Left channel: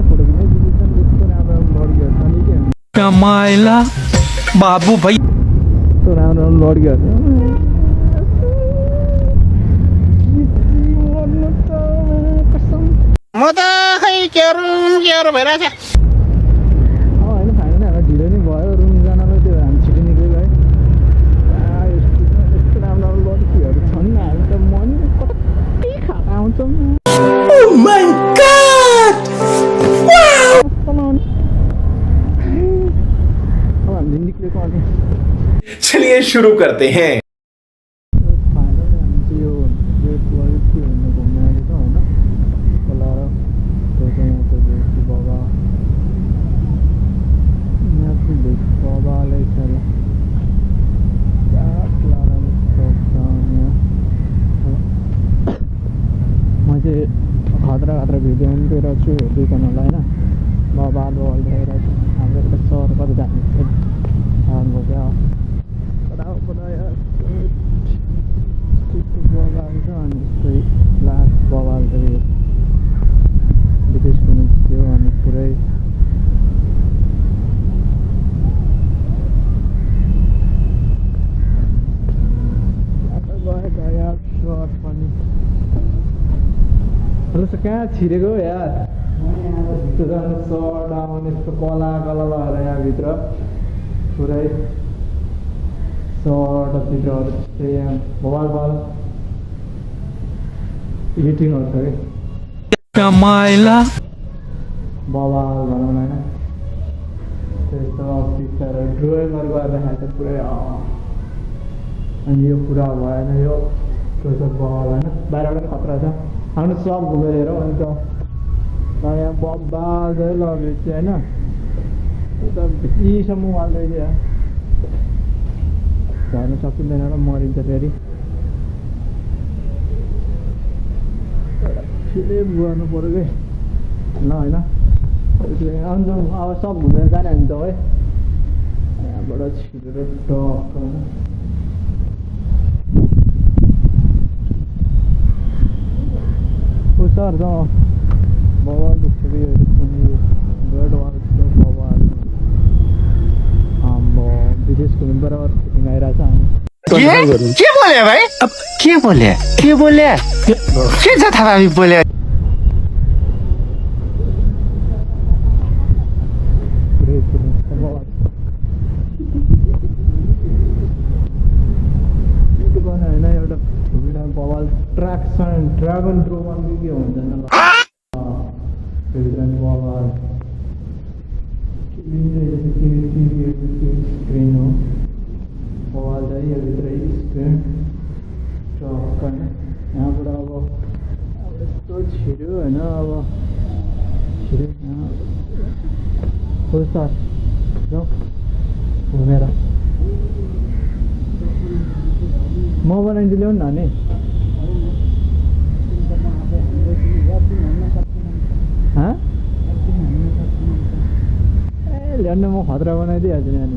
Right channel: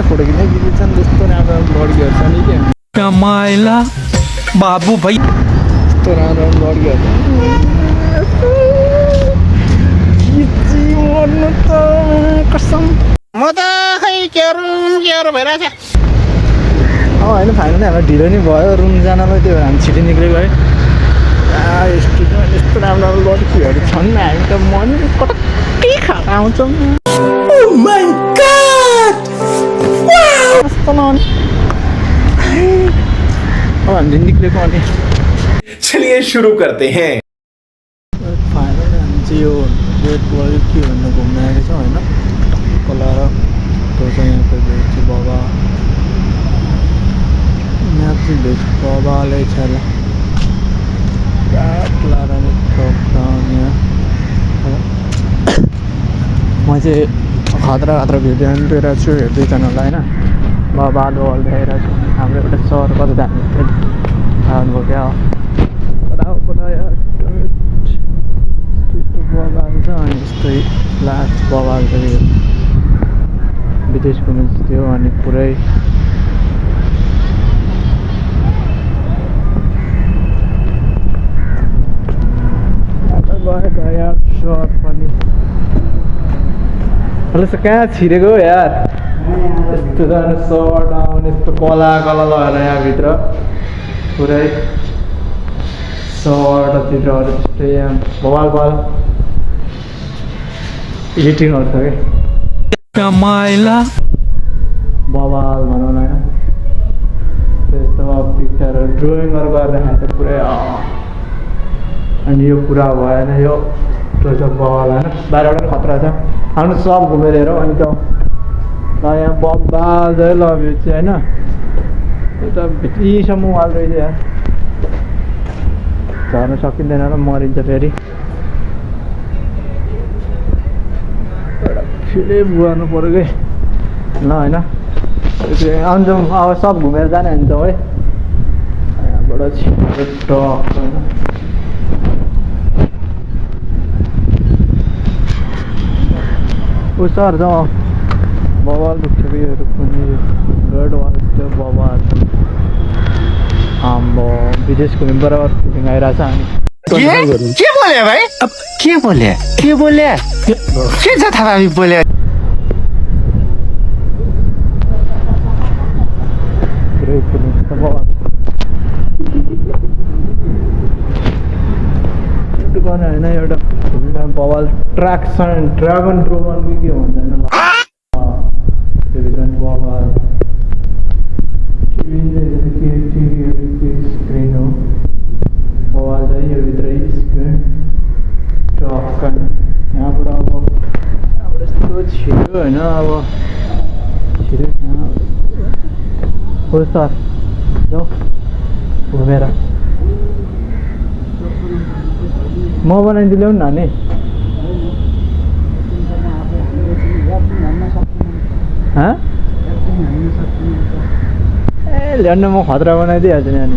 त फोटो खिच्ने खिच्छन् त्यस्तो राम्रो लड्कीहरू छ नि क्या कमाइला बाबु भाइ यस्तो राम्रो लड्कीहरू खिची मर्नु त कसम म त खै के भइरहेछ होइन फाइनली हामीलाई ढिलो नि भयो रुम जानलाई त्यही भएर हामी छिटो निक्लेको है यस्तो राम्रो राम्रो लड्कीहरू छन् हामी त मन कटक्कै खाएर आउँछौँ कस्तो नआउने अब हामीले निक्लेको अनि चलिए शुरू करते हैं फाइनली हामी चाहिँ यो रेड वाल के भन्नु घुम्न आएको छौँ होइन खोला र त्यो चाहिँ यहाँको भेज बाबा यहाँ चाहिँ भेज बाबाले छ ल म चाहिँ खतरा भिडियो हेरिरहेको छु हेर्दैछन् होला होइन बाबा लोल देखाइरहेको छु हाम्रो एउटा सर कता जाने आउनुभयो क्या बगाल छ अनि यस्तै लास्ट बगाल छ यो विदेश घुम्नु थियो अनि पुरै यार सर पनि हेलो सर कहाँ छिरेको हो यार यस्तो जानु सर्ट आउने यस्तो कला लगाएर यहाँभित्र पुरै सर्टतिरहरू त्यस्तै यहाँ बवाल एडिटिङहरू छ कि कमाइला बवाल भनौँ न होइन त्यस्तो पिक्चरहरू ड्रइङहरू गरेर देखाएको छ पुरै अनि यो पुरा भएन यो त्यो चाहिँ बवाल होइन बाहिरबाट खतरा छ आउनु सब घुमेर हेरौँ अनि त यहाँ बवाल चाहिँ लग्यो चाहिँ होइन यो त भित्रीसम्म वाल रहेछ यहाँ झर्न सकिँदैन र मरिन्छ फेरि एउटा फिल्म गर्नु पऱ्यो कि ल होइन अन्जाउँ अब सब घुमेर जाने हुन्छ है यहाँबाट छिटो टक होइन ऊ सर जाउँ बवाल रुख्छ कि यो रुख पनि रेड वाल त्यो बवाल आम्बो विदेश घुम्नु बराबर फिलिङ आइरहेछ हामी के बोले भाइ अब के बोले के जथाभावी बोले पुरै फिलिङ छ बवाल युट्युब गर्ने होइन एउटा बवाल ड्रागन ड्रोगन के भन्छ होइन बवाल स्क्रिन हो बवाल चाहिँ यो भित्रै स्क्रिन टक होइन यहाँबाट अब यहाँबाट यस्तो छिटो होइन अब छिटो हो सर जाउँ घुमेर म बनाइदिनु ल्याउनु न नि ए ल्याउनु म खतरा बनाइदिइहाल्छु नि अनि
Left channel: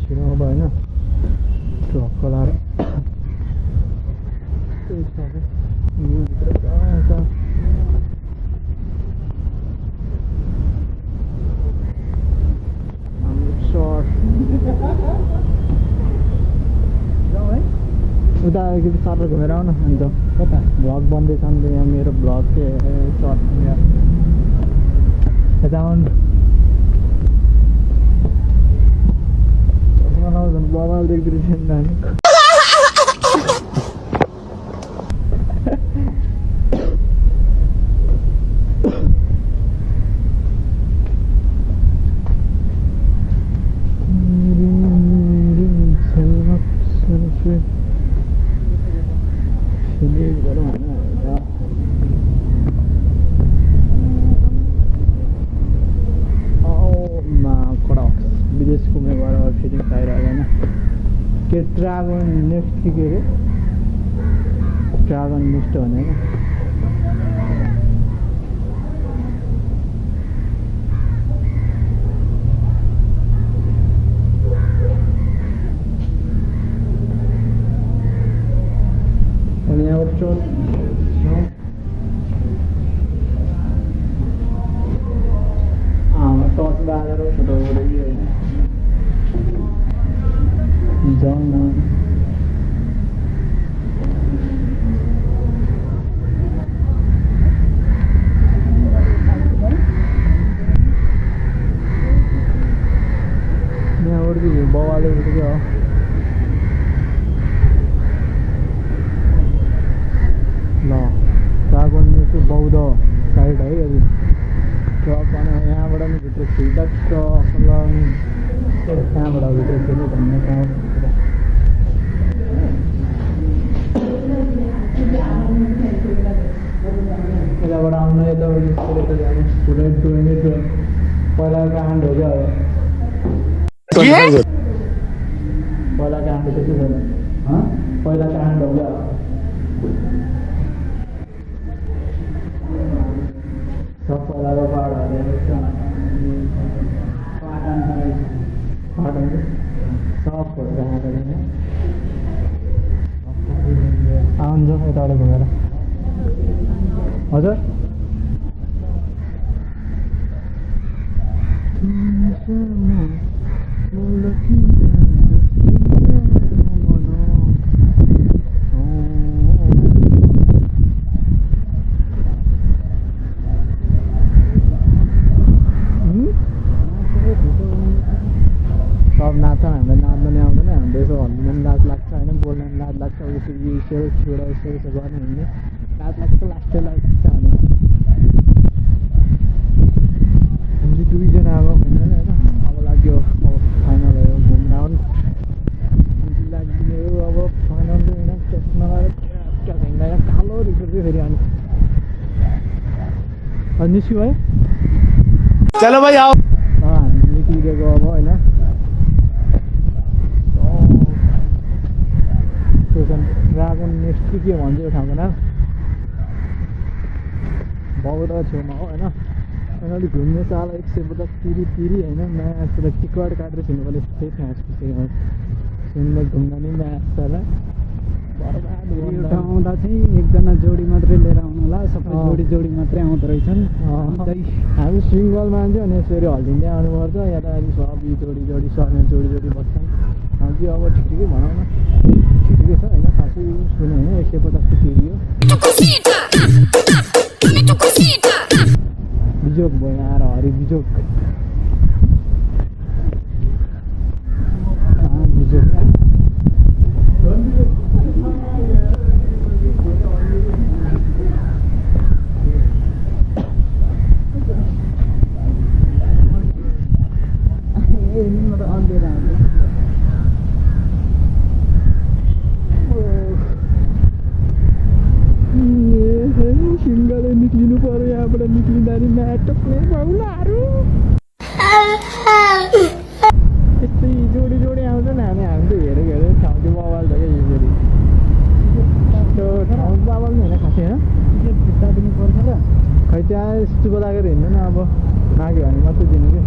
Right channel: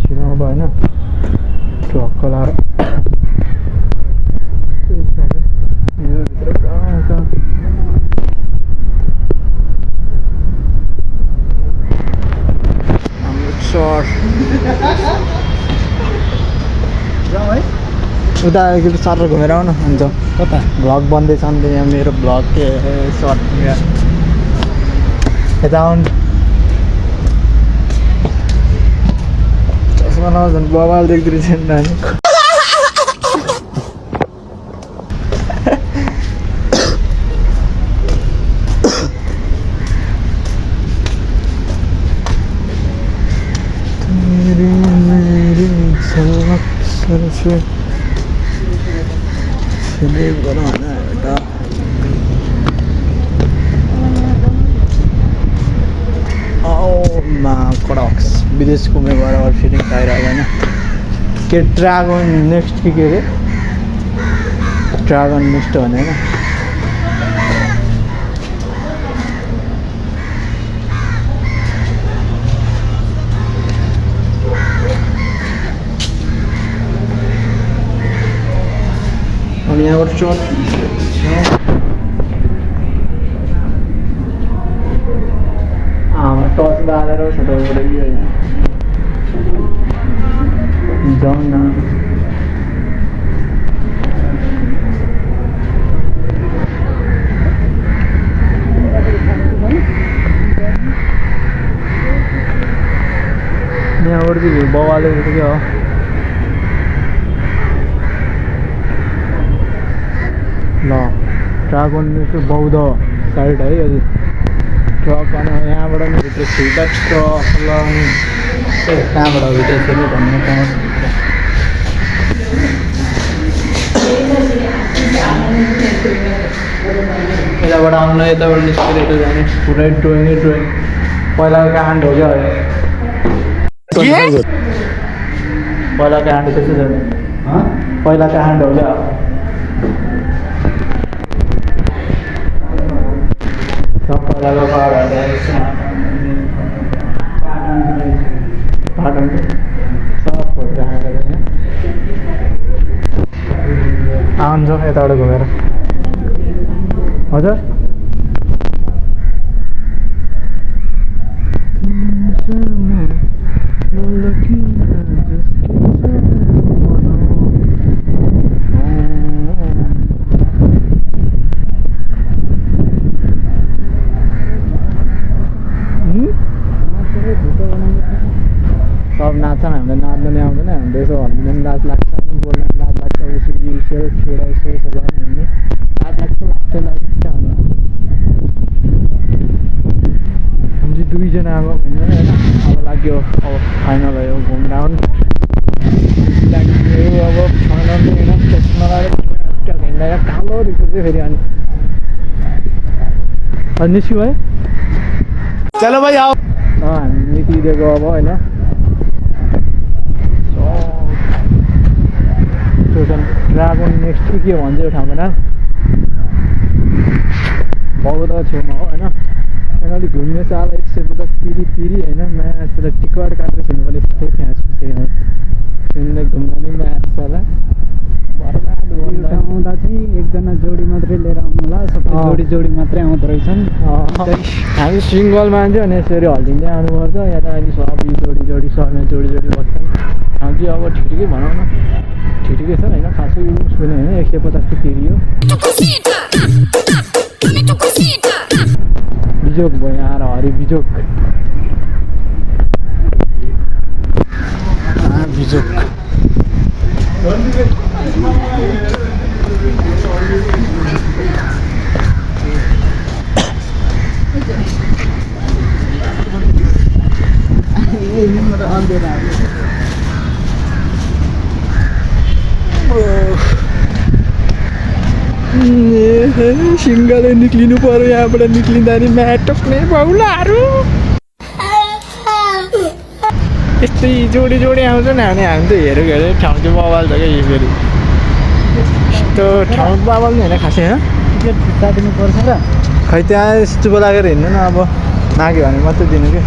छिटो अब होइन ट्रक्क लाएर यो भित्र पुरा आउँछ सर उता सर घुमेर आउनु हुन्छ कता भ्लग बन्दैछ नि यहाँ मेरो भ्लग के सर्ट यता आउनु चस्मा नझन् बवाल देख्दै छैन नानी फिल्म गरौँ होइन एउटा कडक्स विदेश घुमे बराबर फिलिङ पाइरहेको होइन के ड्रागन नेक्स्ट के अरे ड्रागन नेक्स्ट भने होइन यहाँबाट चर्च टर्च बालेर छोटोबाट जाउँ न यहाँबाट चाहिँ बवाले के हो ल ड्रागन बौद्ध साइड है अलि ट्रक अनि यहाँबाट भित्र छिर्दा ट्रक ल कहाँबाट भित्र छिर्ने भन्ने पाउँछ यताबाट आउनु यताबाट निस्केर यता जाने पुरै ड्रोइङै ड्रोइङ पहिलाको काण्ड हो क्या पहिलाको काण्ड त्यस्तो छ पहिलाको काण्ड हो क्या सब पहिलाको पाटन सब फोटो राखेको छ आउँछ यताबाट घुमेर हजुर सब नाच्छन् हामीलाई नाच्न नि आउँदैन हामीले यसो हल्लिँदा पनि लाज लाग्छ होइन बोल्न पनि लाज लाग्छ यसो यसो छोडा यसो यसो गर्ने हामीले लाज लाग्छ लाग्छ भने हामी दुईजना अब होइन होइन अब लाग्यो अब फाइनल हो घुम राउन्ड लाग्यो अब फाइनल होइन त्यसमा हिँड्दा कालो रिपोर्ट चाहिँ फेरि अनि निस्क्यो है चलो भाई आओ हामी निक्लिदिएको अब होइन ड्रागन नेक्स्ट के भन्छ यो ठाउँको नाम बौद्ध छेउमा हो होइन अनि अलिक घुम्ने चाल 150 तिरी होइन म्याच टिकट काटेर छिर्नुपर्ने त्यही फ्याँच खुसी सुन्दै घुम्दा नि म्याच होला बर्बाद आउँदा चाहिँ एकजना जोडी मात्रै लिएर आउनु होला सबै जोडी मात्रै आउँदो रहेछन् हामी सिङ्गल मान्छे अनि यसरी हल्लिँदै आउनुपर्छ या त अहिले सबै जोडी सबैमा जोडी बस्छन् हामी चाहिँ अब ठिकै भनौँ न ठिकै छ होइन खासै सुने होइन 150 तिरी हो बिजोक भयो यहाँ हरि बिजोक बिजोक सिङ्गलै निक्लिनु पर्यो यहाँबाट निक्लिँदा नि म्याटक्ने बाउलाहरू यस्तै जोडी आउँछ नि हामी त हेरेको ठाउँ चाहिँ बवाल छ क्या यो फेरि यस्तो ठाउँ बवाल नि होइन खासै होइन टिकट फिर्ता दिनुपर्छ र खै त्यहाँ चुप लागेर हिँड्नु न अब नाग्यो भने मात्रै दिनु कि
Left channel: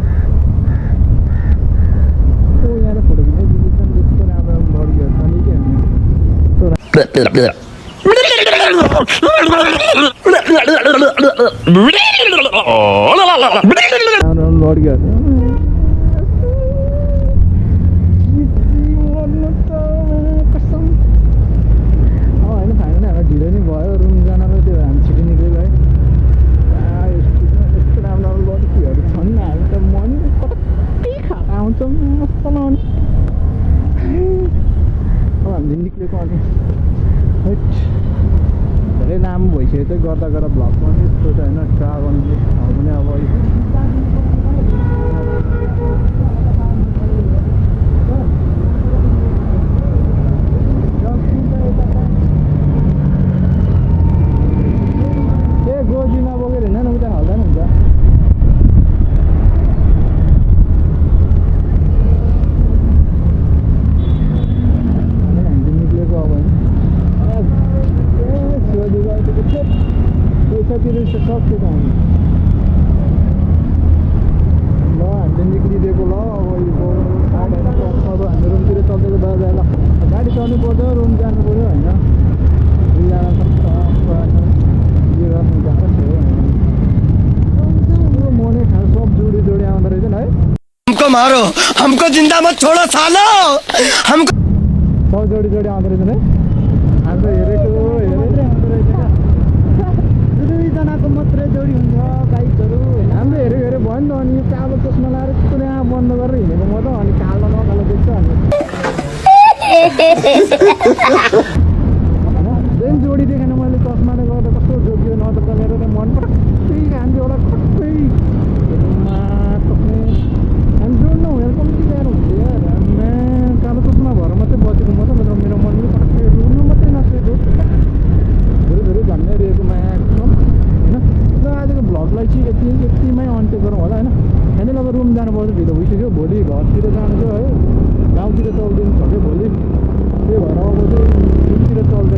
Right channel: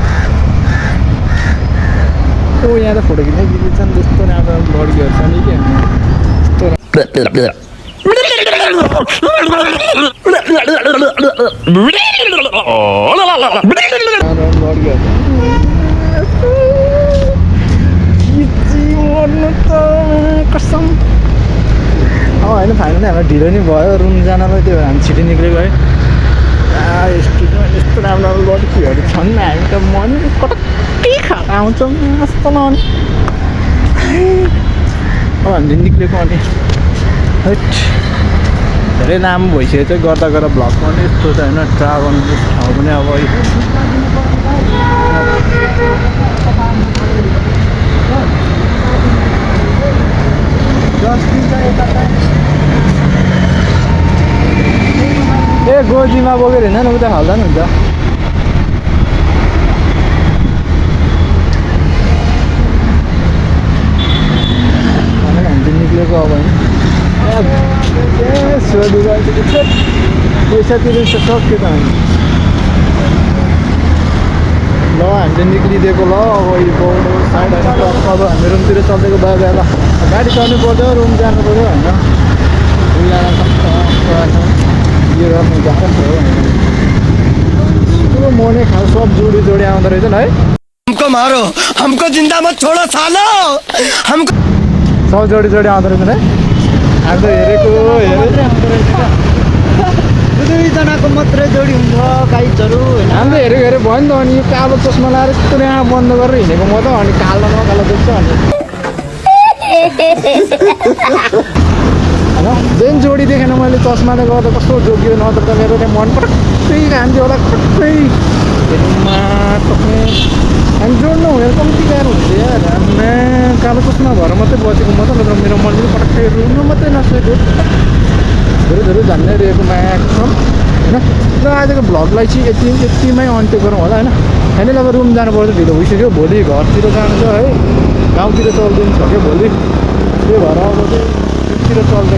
ओ यहाँ त फोटो खिच्नै बिग्रिन्छन् त्यस्तो राम्रो लड्कीहरू छ नि कि यस्तो कसम होइन फाइनली हामीलाई ढिलो नि भयो रुम जानलाई त्यो हामी छिटो निक्लेको है यस्तो राम्रो लड्कीहरू छन् हामी त मन कटक्कै खाएर आउँछौँ जस्तो नआउने अब हामीले निक्लेको अनि धेरै लामो भइसकेको चाहिँ गर्दा भ्लगमा पनि यस्तो छ होइन ड्रागन ठाउँ पनि अब ए गोजीमा बोकेर हिँड्दैन उता हाल्दा नि हुन्छ हामी निक्लेको अब होइन सोधु पैसा तिर्नु सक्यो त हामी ल हामीले निक्लिदिएको ल अब यो साइड होइन अब हामी रुमतिर चल्दिएको भयो ल गाडी चढ्नु पर्छ रुम जानु पर्यो होइन उयाला सक्छ यो गर्नु गाह्रो छ हो पुरो मोने खाल सब जोडी जोडी आउँदो रहेछ है हमको मारो, हमको जिंदा मत छोड़ो सालो, हमको सब जोडी जोडी आउँदो रहेछ है आज हेरेको मात्रै आउँदो रहेछ क्या दुईजनाको मात्रै जोडी हुन्छ गाइजहरू होइन हामीले हेरेको हेरे भयो नि त अनि यो कालो चस्मा लाएर यस्तो यहाँ बन्द गरेर हिँडेको म त अनि कालो नकालो देख्छ अनि जुन जोडी देखेन मैले चस्माले गर्दा कस्तो जोगियो नत्र त मेरो त्यहाँ मन पटक्कै खान्थ्यो होला पटक्कै हेर्नुमा टक्ने हामी जोड्नु हुँदैन कम्ती गाह्रो हुन्छ यार आम्मा कालो चस्मा भएर मात्रै बचेको म त नत्र मेरो मन पनि पटक्कै रुनु मात्रै नसकेको धेरै धेरै झन्डाइरहेको म्याक्सिमम होइन र आजको भ्लगलाई चाहिँ यतिमै अन्त्य गरौँ होला होइन फाइनल अब रुम जानुपर्छ ढिलो भइसक्यो भोलि घरतिर जानु छ है गाउँतिर चल्दिनु छ क्या भोलि त्यही भएर अब चाहिँ रुमतिर चल्दै